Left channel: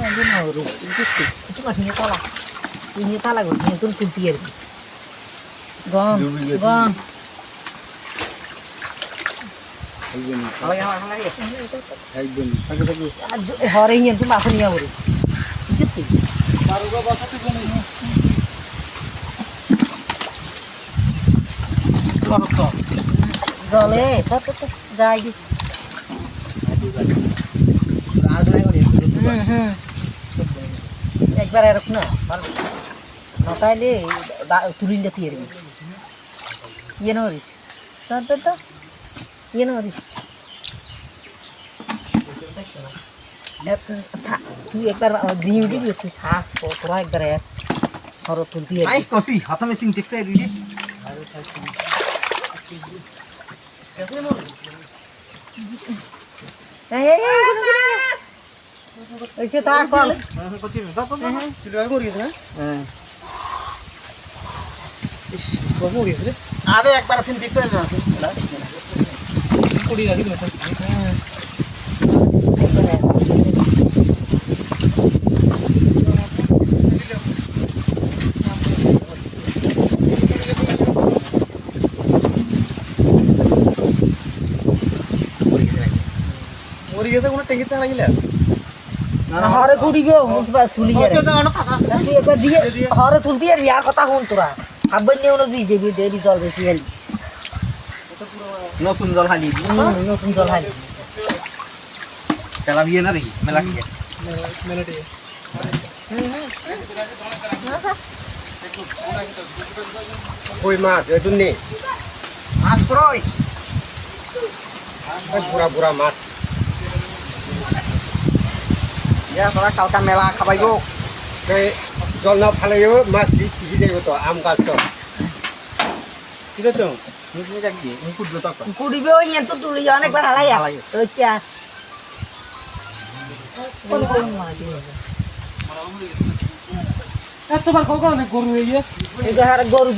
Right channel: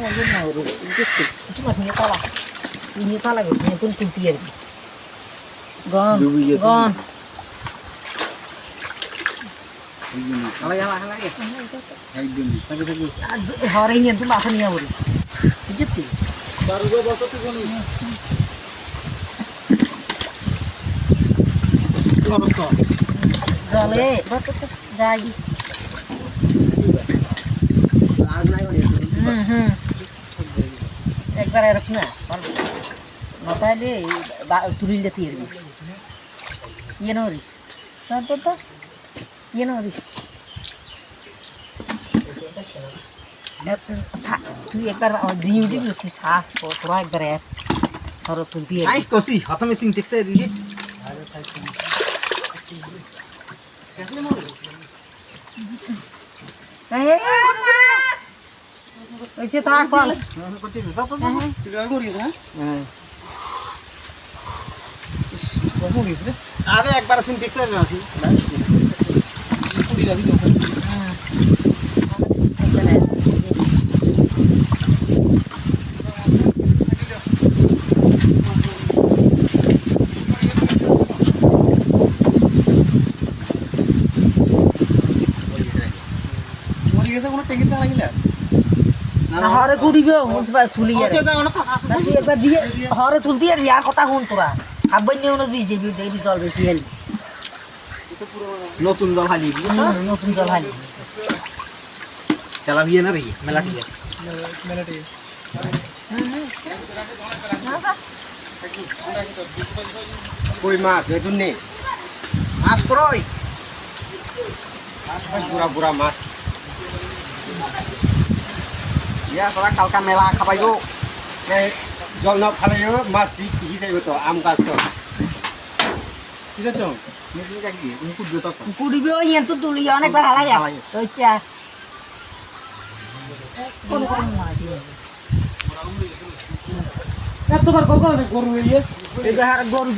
Ini mau itu masih salah. Ini salah gue, ini tuh kuntier. Gon, gon. Halay ya. Lagi. Hari ini tuh makan ya urus. Jepit. Baru gua basa tuh gini. Lorot kok. Jole, tuh jadi. आज नाही कोणी. একবার এরকম না নটাইলে তুলিল যেতে এরবি ইয়ে Norris তো ইয়ে নরিস তুই একবার জিনিস দিবি তুই শাক তোরা একবার ধরো তুলতি নাই কসি হাতে মেশিন দেখতে দিদি ওইসে থাক কল আরে একবার সিন দেখতে আছে কুড়ি রাখি মরি গেছে কোনো টেঙ্গিতে লাগিলে হরে কুড়িবে তুলি তুই একবার দিয়ে হরে তুলতি আর ইয়ার কথা শুন তোরা আব্বাই নিয়ে যে দেরি জল বেশি হেলি নতুন জল হালি নতুন জল হালি তেলা বিয়ে না রে মেলা কি কই মাছ এতুন নে মাছ পড়ই বুড়া মাছ ইয়া সারা কালকা মেলা খাবাইও জল না ফালাইও মাছ কি যাইব তো আম গাছ তো কি তো নিজে যাই মুকুট জোতা কুড়িবে ওই তো তুলি অনেকবার হালাই ওইটা তোমার কত গরু এই গরু